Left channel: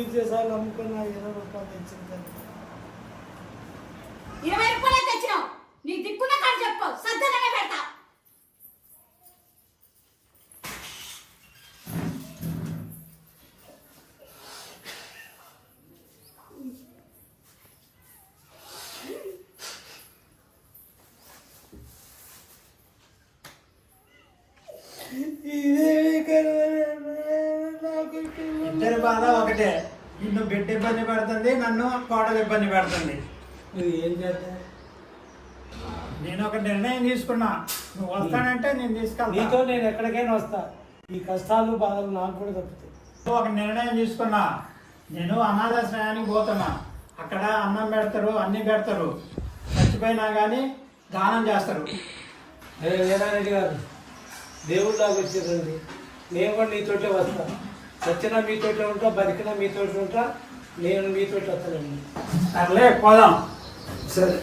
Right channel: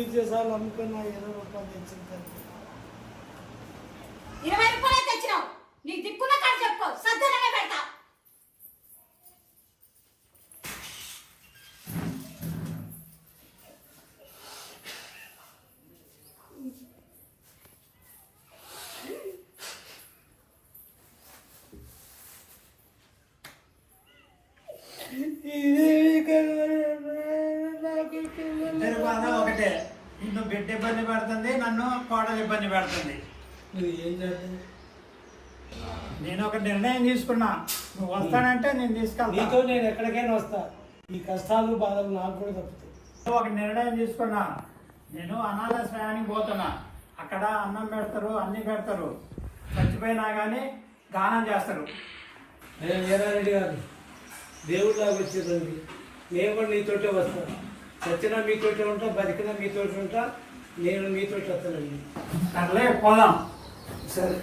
సార్లు అమ్ముకున్న 20 రూపాయలు తెచ్చింది. 20 రూపాయలు తెచ్చినావు. నీ దిక్కున కాదు చెప్పు, సద్దనమే పెడతా. ఇద్దరు బాధ ఒకటే. నిన్ను బిడ్డ ఇబ్బంది పెడుతుంది, నన్ను కోడలు ఇబ్బంది పెడుతుంది. నువ్వు ఏం చేస్తావు? నేను ఒక నిర్ణయం తీసుకున్నా, నువ్వు వస్తానంటే నేను తీసుకెళ్తా. నీతో నేను ఎక్కడికైనా వస్తా. ఈ కష్టాలు బాధలు నాకు కూడా తప్పుతాయి. ఒక నిర్ణయం తీసుకున్నా, నేను అనాథాశ్రయానికి పోతున్నా. అక్కడ అన్నం పెడతారు, అన్ని పెడతారు. చచ్చిపోయినా కానీ దానం చేస్తారు. అరే వీరారెడ్డి గారు, దేవుళ్ళలాగా వచ్చేదండి. నేను కూడా నీతోటే వస్తా. చచ్చినా మీతోటే ఉంటా, బతికినా మీతోటి ఉంటా. నేను మీతోటి వస్తానండి. సర్లే పోదాం. సరే.